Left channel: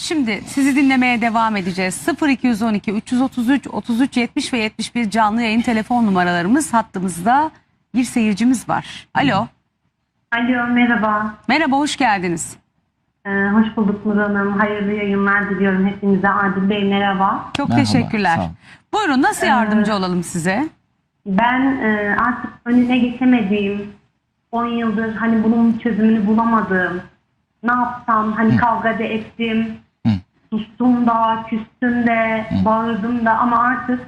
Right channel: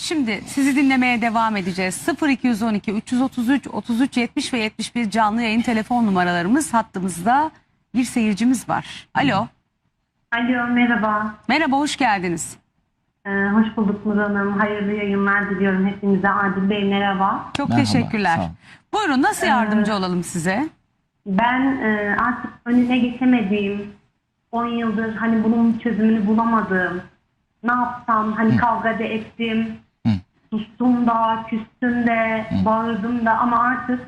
Şimdi sizi dinlemeye devam edeceğiz. 0212 333 33 70 ve 71 canlı yayın telefon numaralarımız hattımızda bir seyircimiz var. Alo. Alo merhaba. Merhaba hoş geldiniz. Ee, hoş bulduk Nur Hanım. Hayırlı yayınlar diliyorum hepinize. Adil Bey merhaba. Çok Merhaba, teşekkürler. Buyurun nasıl yardımcı olalım size? Ben e, artık önüne geçemediğim 10 yıldır hani bunun çözümünü bulamadığım ne yapsam hani kavga da ettim sustum da küstüm de bağırdım da ama artık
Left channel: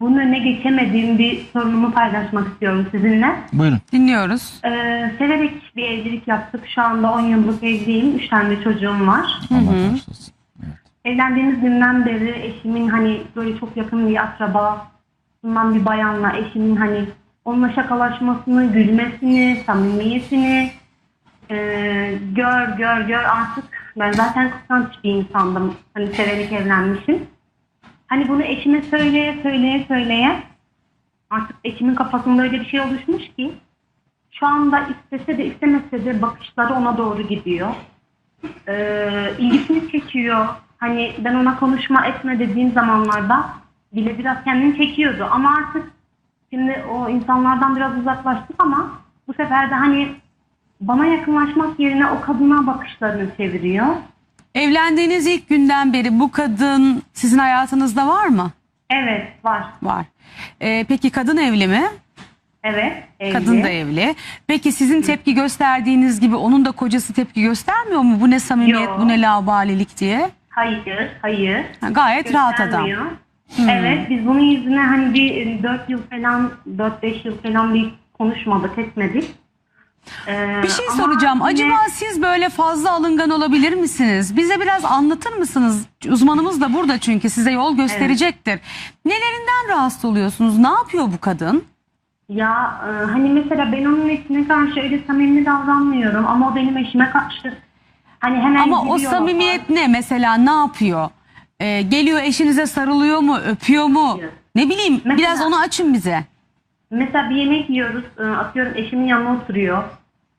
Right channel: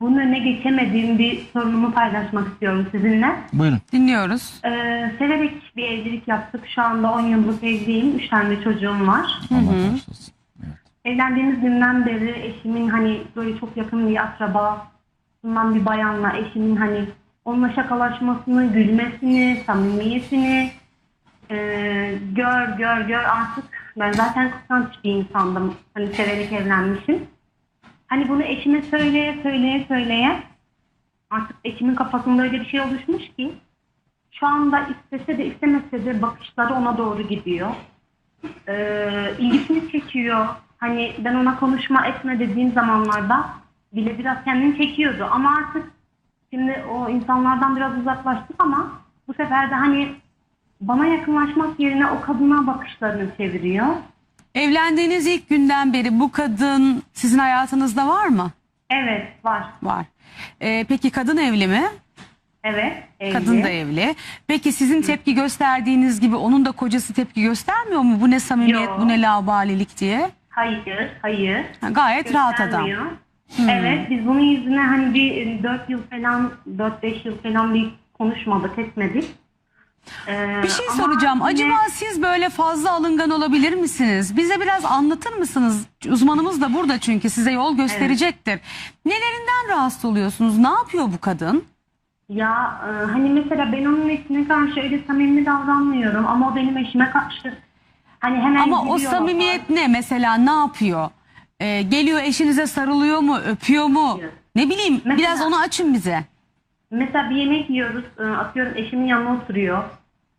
bunun önüne geçemediğim bir sorunumu paylaşmak istiyorum sizinle. Buyurun. Dinliyoruz. Ee, severek bir evlilik yaptık. Şu anda 10 yıllık evliyim. 3 tane de çocuğum var. Allah bağışlasın. Evet. Evlendiğimiz günden beri eşimin hani böyle çok yakın bir akraba bundan bir bayanla eşimin hani onunla şakalaşmasını, gülmesini, samimiyetini e, gör gör gör artık ben zaten kıskanç bir insandım. Hani severek evlenmişim. Hani bunu eşime söyleye söyleye söyleye artık eşimin kafasında öyle bir şey oluşmuş ki şu anda istese de istemese de bakışları ona doğru gidiyor e, ilgisini çekiyor. Hani ben ona konuşma etme dediğim zamanlarda bile biraz kendini çekiyordu. Ama artık şimdi o insanlardan biraz uzaklaştık ama bu sefer de hani bana yakınlaşmak yerine o kadına bakışlarını çeviriyor. Evlendiğiniz ilk günden beri bu kadın sizin hayatınızda var mı? Evet var. Var. Ee, peki kadın evli mi? Evet. Evli. Kadın da evli. Peki sizin tepki gösterdiğiniz gibi onun da kocası tepki göstermiyor mu? Bu ne samimiyet, Yok. bu ne laubalilik diye? Hayır, hayır. Ha, Gayet rahat adam. Göstermiyor. Evet biz bunun yüzüne hani bir 4 yıl falan 4-5 yıl falan bir konuşmadık etmedik. Ee, Bir şey ama soracağım. yine- Acaba siz böyle fazla alıngan olabilir misiniz? Bize biraz anlatır mısınız? Uzmanımız da burada çünkü size yol gösterecektir. Nelerinden rahatsız oluyorsunuz? Ne yapıyor bu kadın? Ya e, hani mesela ben onun eşine karşı öyle samimi davranmıyorum ama o benim eşime karşı hani hemen Ama o gidiyor. samimiyet ne mesela? Ne yapıyor? Ee, geliyor eşinize sarılıyor mu? Öpüyor mu? Ne bileyim Mesela- biraz onu açın bize. Mesela bir yemek yiyoruz e, atıyorum eşimin yanına oturuyor.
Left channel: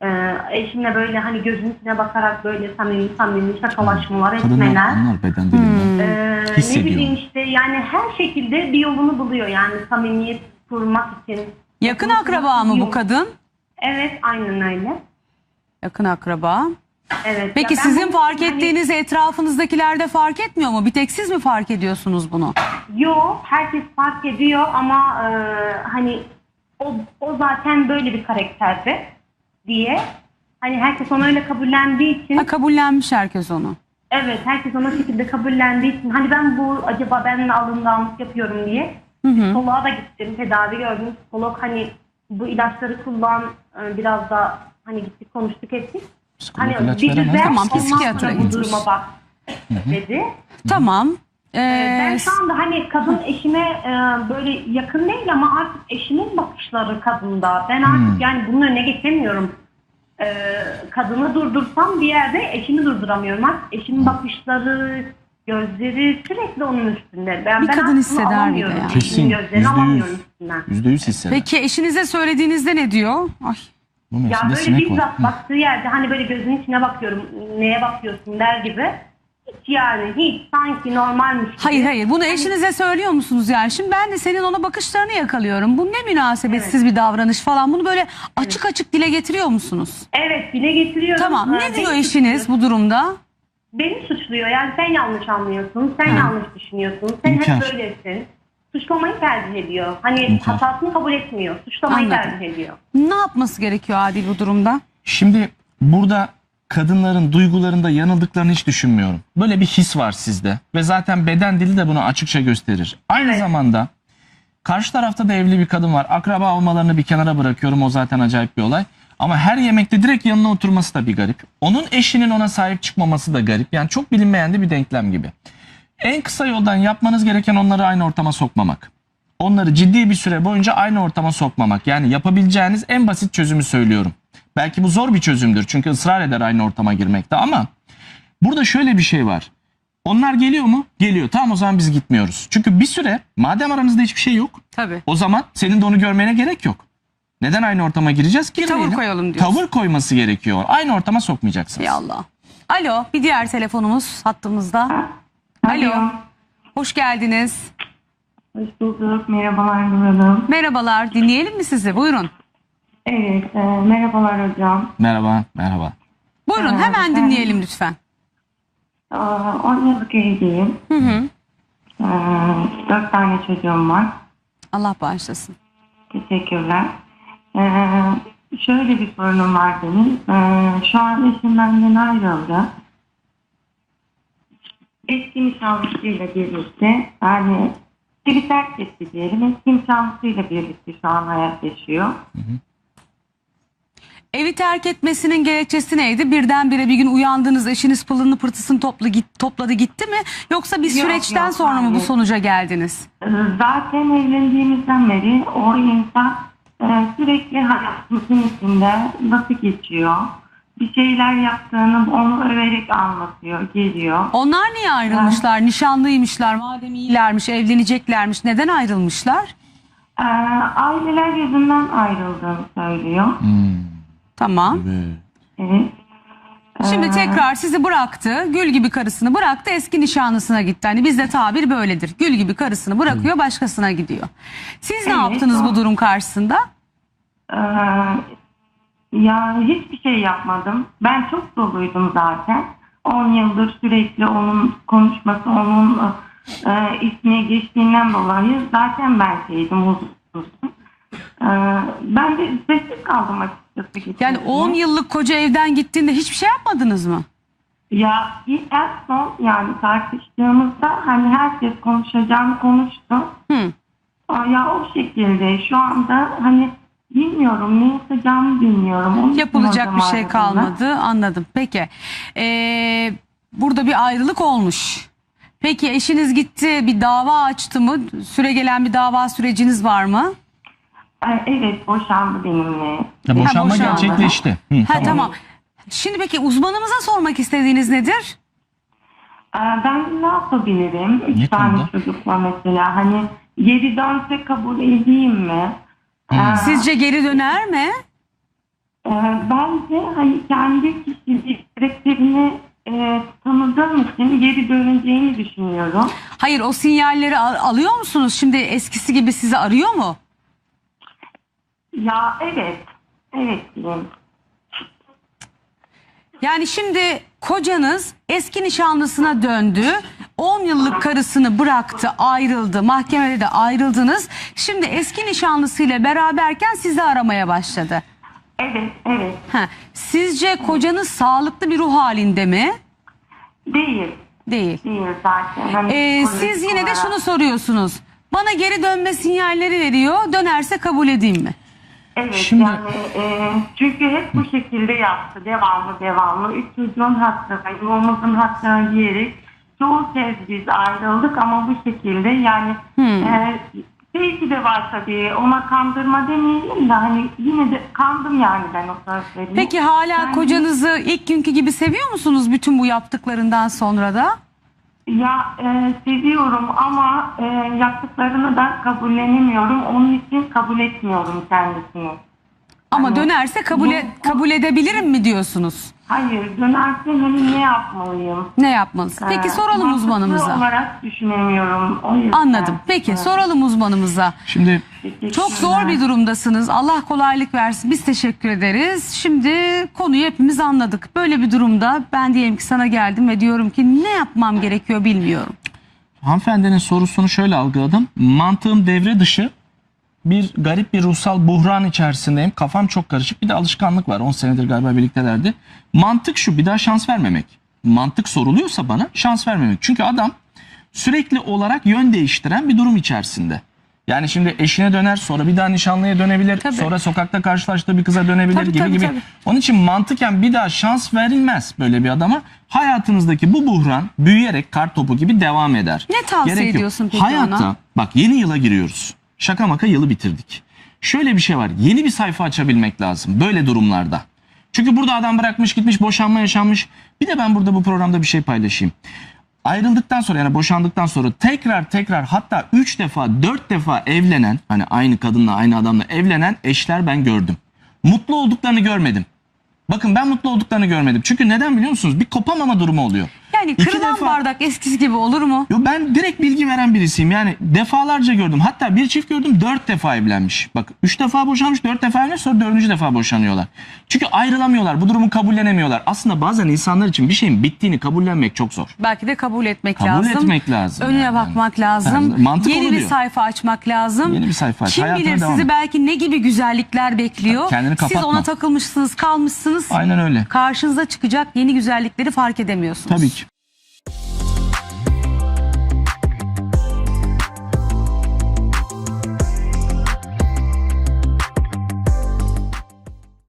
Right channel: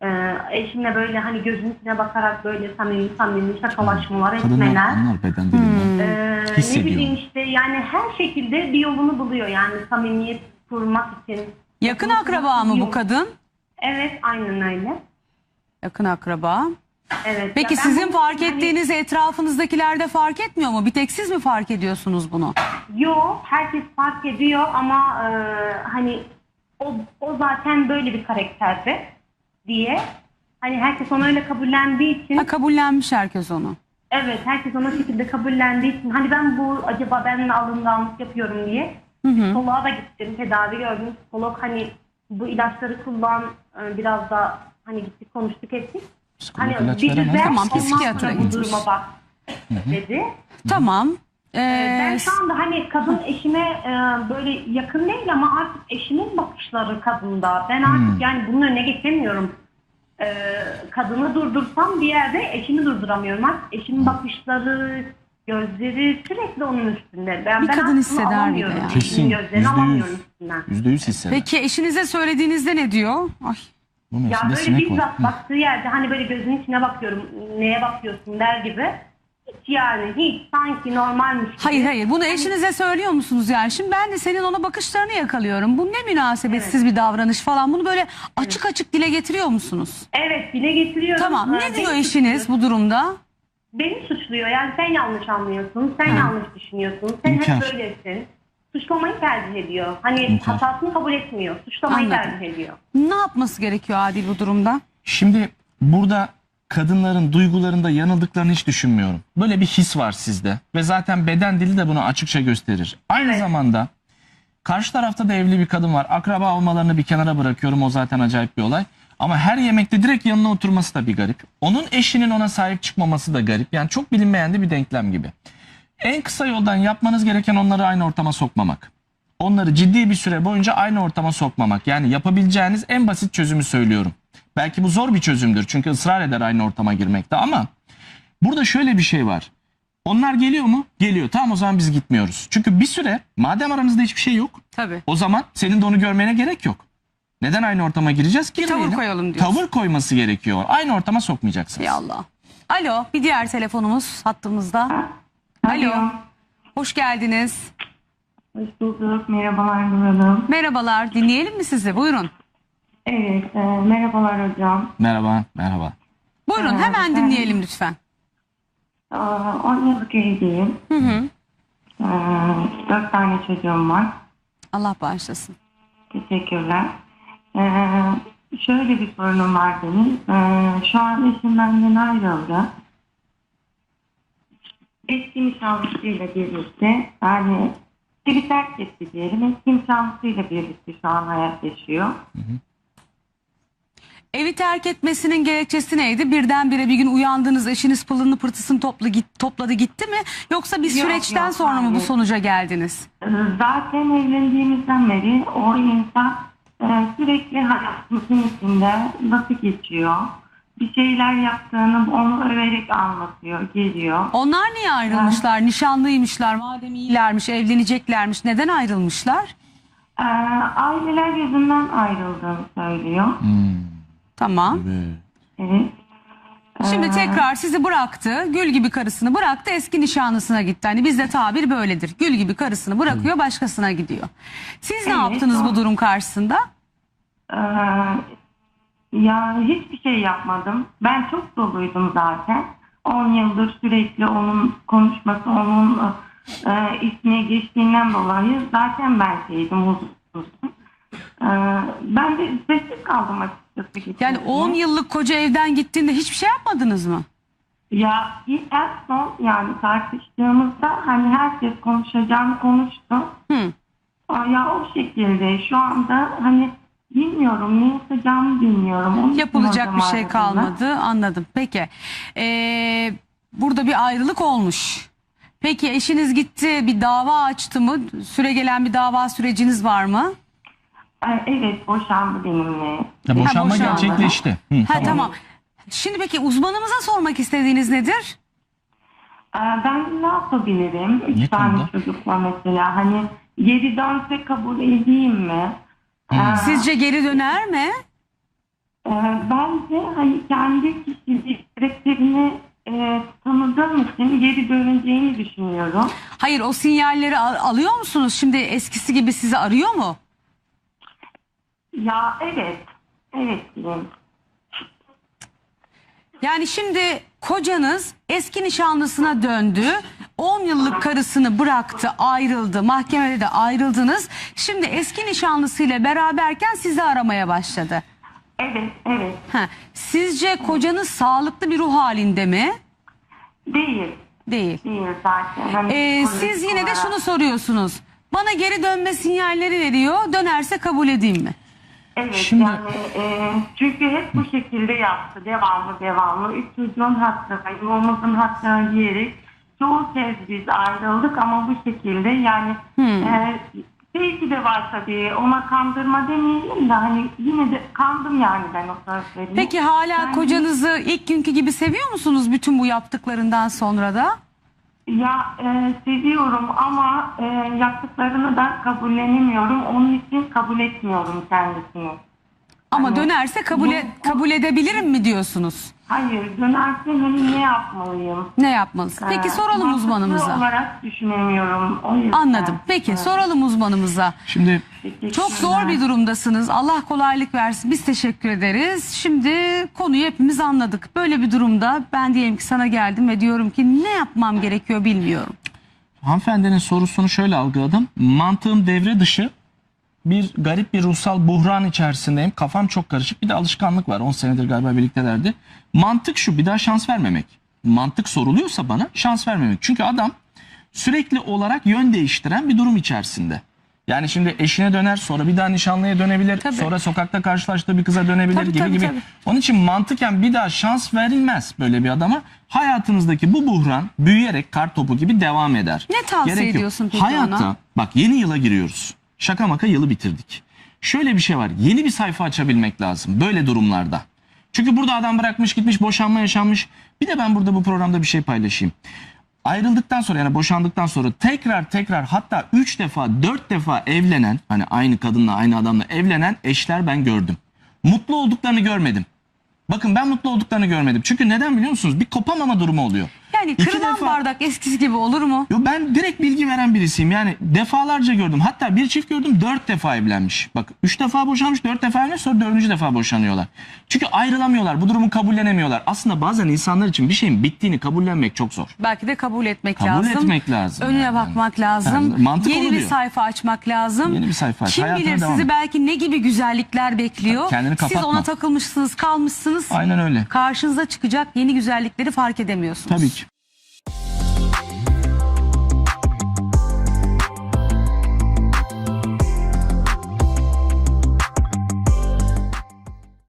E, eşimle böyle hani gözünün içine bakarak böyle samimi samimi şakalaşmalar etmeler. bunlar beden dilinde. E, ne Hissediyor. bileyim işte yani her şekilde bir yolunu buluyor yani samimiyet kurmak için. Yakın akraba mı bu kadın? Evet aynen öyle. Yakın akraba. Evet. Peki Ya ben sizin bunu- fark hani- ettiğiniz etrafınızdakiler de fark etmiyor mu? Bir tek siz mi fark ediyorsunuz bunu? Yok, herkes fark ediyor ama e, hani o, o zaten böyle bir karakterdi diye. Hani herkes onu öyle kabullendiği için, Ha, kabullenmiş herkes onu. evet herkes ona şekilde kabullendiği için, hani ben bu acaba ben mi alınganlık yapıyorum diye psikoloğa da gittim, tedavi gördüm. Psikolog hani bu ilaçları kullan, e, biraz da hani gittik konuştuk ettik. Psikolog Hani bir düzen, ama Tamam, psikiyatra gideriz. duruma bak dedi. Tamam. Ee, Ben şu anda hani kadın eşime e, böyle yakın değil ama artık eşimin bakışları kadında. Ben artık yani bunun önüne geçemiyorum. E, kadını durdursam bir yerde eşimi durduramıyorum. Artık eşimin bakışları, gözleri sürekli onun üstünde. Ben, Bir ben kadın hisseder bir de alamıyorum. ya. Eşimin Kesin. Gözlerini Yüzde alamıyorum yüz. üstünden. Yüzde yüz hisseder. Peki eşinize söylediğinizde ne diyor? Ay, Bu Ya böyle bizzat baktığı yerde hani böyle gözünün içine bakıyorum. Neye bakıyorsun der gibi. Hiç yani hiç sanki normalmiş gibi. hayır hayır bunu eşinize söylüyor musunuz yani? Şimdi ben de senin ona bakışlarını yakalıyorum. Bu ne münasebetsiz bir davranış falan. Bunu böyle açık açık dile getiriyor musunuz? Evet dile getiriyorum. Tamam. Ee, Ne diyor eşiniz suçluyor. bu durumda? Beni suçluyor. Yani sen yanlış anlıyorsun. Sen yanlış düşünüyorsun. Sen İnkar. hep böylesin. Suçlamayı tercih ediyor. Hani İnkar. hatasını kabul etmiyor. Suçlamayı Anladım. tercih ediyor. Ne yapması gerekiyor Adil bu durumda? Şimdi burada kadınların duygularında yanıldıklarını hiç düşünmüyorum. Böyle bir his var sizde ve zaten beden dili de bunu açıkça gösterir. Aynı zamanda karşı tarafta da evli bir kadın var. Akraba olmalarını bir kenara bırakıyorum o zaten acayip bir olay. Ama her yemekte direkt yanına oturması da bir garip. Onun eşinin ona sahip çıkmaması da garip. Yani çok bilinmeyen de bir denklem gibi. En kısa yoldan yapmanız gereken onları aynı ortama sokmamak. Onları ciddi bir süre boyunca aynı ortama sokmamak. Yani yapabileceğiniz en basit çözümü söylüyorum. Belki bu zor bir çözümdür çünkü ısrar eder aynı ortama girmekte ama burada şöyle bir şey var. Onlar geliyor mu? Geliyor. Tamam o zaman biz gitmiyoruz. Çünkü bir süre madem aramızda hiçbir şey yok Tabii. o zaman senin de onu görmene gerek yok. Neden aynı ortama gireceğiz? Bir tavır Girmeyelim. koyalım diyorsun. Tavır koyması gerekiyor. Aynı ortama sokmayacaksınız. Ya Allah. Alo bir diğer telefonumuz hattımızda. Alo. Hoş geldiniz. Hoş bulduk. Merhabalar Nur Hanım. Merhabalar dinleyelim mi sizi? Buyurun. Evet, e, merhabalar hocam. Merhaba, merhaba. Buyurun Ee, hemen ben- dinleyelim lütfen. E, 10 yıllık evliyim. Hı hı. E, 4 tane çocuğum var. Allah bağışlasın. Teşekkürler. E, şöyle bir sorunum var benim. E, şu an eşim benden ayrıldı. Eski nişanlısıyla birlikte yani biri terk etti diyelim. Eski nişanlısıyla birlikte şu an hayat yaşıyor. Evi terk etmesinin gerekçesi neydi? Birdenbire bir gün uyandınız eşiniz pılını pırtısını topla, git, topladı gitti mi? Yoksa bir Yok, süreçten yok, sonra mı bu hayır. sonuca geldiniz? Ee, Zaten evlendiğimizden beri o insan e, sürekli hayatımızın içinde nasıl geçiyor, bir şeyler yaptığını onu överek anlatıyor, geliyor. Onlar niye ayrılmışlar? Nişanlıymışlar, madem iyilermiş, evleneceklermiş. Neden ayrılmışlar? Ee, aileler yüzünden ayrıldığını söylüyor. Tamam. Evet. Şimdi tekrar sizi bıraktı. Gül gibi karısını bıraktı. Eski nişanlısına gitti. Hani bizde tabir böyledir. Gül gibi karısını bırakıyor başkasına gidiyor. Siz ne Evet, yaptınız o- bu durum karşısında? Ee, ya hiçbir şey yapmadım. Ben çok doluydum zaten. 10 yıldır sürekli onun konuşması, onun e, ismi geçtiğinden dolayı zaten ben şeydim, huzursuzum. Ee, ben de sessiz kaldım açıkçası. Yani getirdim. 10 yıllık koca evden gittiğinde hiçbir şey yapmadınız mı? Ya ilk en son yani tartıştığımızda hani herkes konuşacağını konuştu. Hı. Ya o şekilde şu anda hani bilmiyorum ne yapacağımı bilmiyorum. Onun Yapılacak bir şey kalmadı. Anladım. Peki. Ee, burada bir ayrılık olmuş. Peki eşiniz gitti bir dava açtı mı? Süre gelen bir dava süreciniz var mı? Ee, Evet boşandı benimle. Ya boşanma boşanma. gerçekleşti. Hı, Ha tamam. Şimdi peki uzmanımıza sormak istediğiniz nedir? Ee, Ben ne yapabilirim? Üç Ne tane konuda? çocukla mesela hani geri dönse kabul edeyim mi? Ee, Sizce geri döner mi? e, Bence hani kendi kişilik karakterini e, tanıdığım için geri döneceğini düşünüyorum. Hayır o sinyalleri al- alıyor musunuz? Şimdi eskisi gibi sizi arıyor mu? Ya evet. Evet diyeyim. Yani şimdi kocanız eski nişanlısına döndü. 10 yıllık karısını bıraktı, ayrıldı. Mahkemede de ayrıldınız. Şimdi eski nişanlısıyla beraberken sizi aramaya başladı. Evet, evet. Ha, sizce kocanız sağlıklı bir ruh halinde mi? Değil. Değil. Değil zaten. Hani Ee, siz yine de şunu soruyorsunuz. Bana geri dönme sinyalleri veriyor. Dönerse kabul edeyim mi? Evet Şimdi- yani e, çünkü hep bu şekilde yaptı. Devamlı devamlı. Üç çocuğun hakkına, yuvamızın hakkına diyerek çoğu kez biz ayrıldık ama bu şekilde yani e, belki de var tabii ona kandırma demeyelim de hani yine de kandım yani ben o sözleri. Peki hala Ben- kocanızı ilk günkü gibi seviyor musunuz bütün bu yaptıklarından sonra da? Ya e, seviyorum ama e, yaptıklarını da kabullenemiyorum. Onun için kabul etmiyorum kendisini. Ama Hani dönerse kabul, e- bu- kabul edebilirim mi diyorsunuz? Hayır dönerse hani ne yapmalıyım? Ne yapmalısın? Peki Ee, soralım mantıklı uzmanımıza. olarak düşünemiyorum. O yüzden. Anladım. Peki soralım uzmanımıza. Şimdi Çok zor bir durumdasınız. Allah kolaylık versin. Biz teşekkür ederiz. Şimdi konuyu hepimiz anladık. Böyle bir durumda ben diyelim ki sana geldim ve diyorum ki ne yapmam gerekiyor bilmiyorum. hanımefendinin sorusunu şöyle algıladım. Mantığım devre dışı bir garip bir ruhsal buhran içerisindeyim. Kafam çok karışık. Bir de alışkanlık var. 10 senedir galiba birliktelerdi. Mantık şu bir daha şans vermemek. Mantık soruluyorsa bana şans vermemek. Çünkü adam sürekli olarak yön değiştiren bir durum içerisinde. Yani şimdi eşine döner sonra bir daha nişanlıya dönebilir. Tabii. Sonra sokakta karşılaştığı bir kıza dönebilir Tabii, gibi tabii, gibi. tabii. Onun için mantıken bir daha şans verilmez böyle bir adama. Hayatınızdaki bu buhran büyüyerek kar topu gibi devam eder. Ne tavsiye Gerek yok. ediyorsun peki Hayatta ona? bak yeni yıla giriyoruz. Şaka maka yılı bitirdik. Şöyle bir şey var. Yeni bir sayfa açabilmek lazım böyle durumlarda. Çünkü burada adam bırakmış gitmiş boşanma yaşanmış. Bir de ben burada bu programda bir şey paylaşayım. Ayrıldıktan sonra yani boşandıktan sonra tekrar tekrar hatta 3 defa 4 defa evlenen hani aynı kadınla aynı adamla evlenen eşler ben gördüm. Mutlu olduklarını görmedim. Bakın ben mutlu olduklarını görmedim. Çünkü neden biliyor musunuz? Bir kopamama durumu oluyor. Yani İki kırılan defa- bardak eskisi gibi olur mu? Yo ben direkt bilgi veren birisiyim. Yani defalarca gördüm. Hatta bir çift gördüm dört defa evlenmiş. Bak üç defa boşanmış, dört defa evlenmiş sonra dördüncü defa boşanıyorlar. Çünkü ayrılamıyorlar. Bu durumu kabullenemiyorlar. Aslında bazen insanlar için bir şeyin bittiğini kabullenmek çok zor. Belki de kabul etmek Kabul lazım. etmek lazım Önüne yani. bakmak lazım. Yani mantık Yeni bir oluyor. sayfa açmak lazım. Yeni bir sayfa aç, Kim hayatına bilir devam sizi et. belki ne gibi güzellikler bekliyor. Kendini Siz kapatma. ona takılmışsınız, kalmışsınız. Aynen öyle. Karşınıza çıkacak yeni güzellikleri fark edemiyorsunuz. Tabii ki.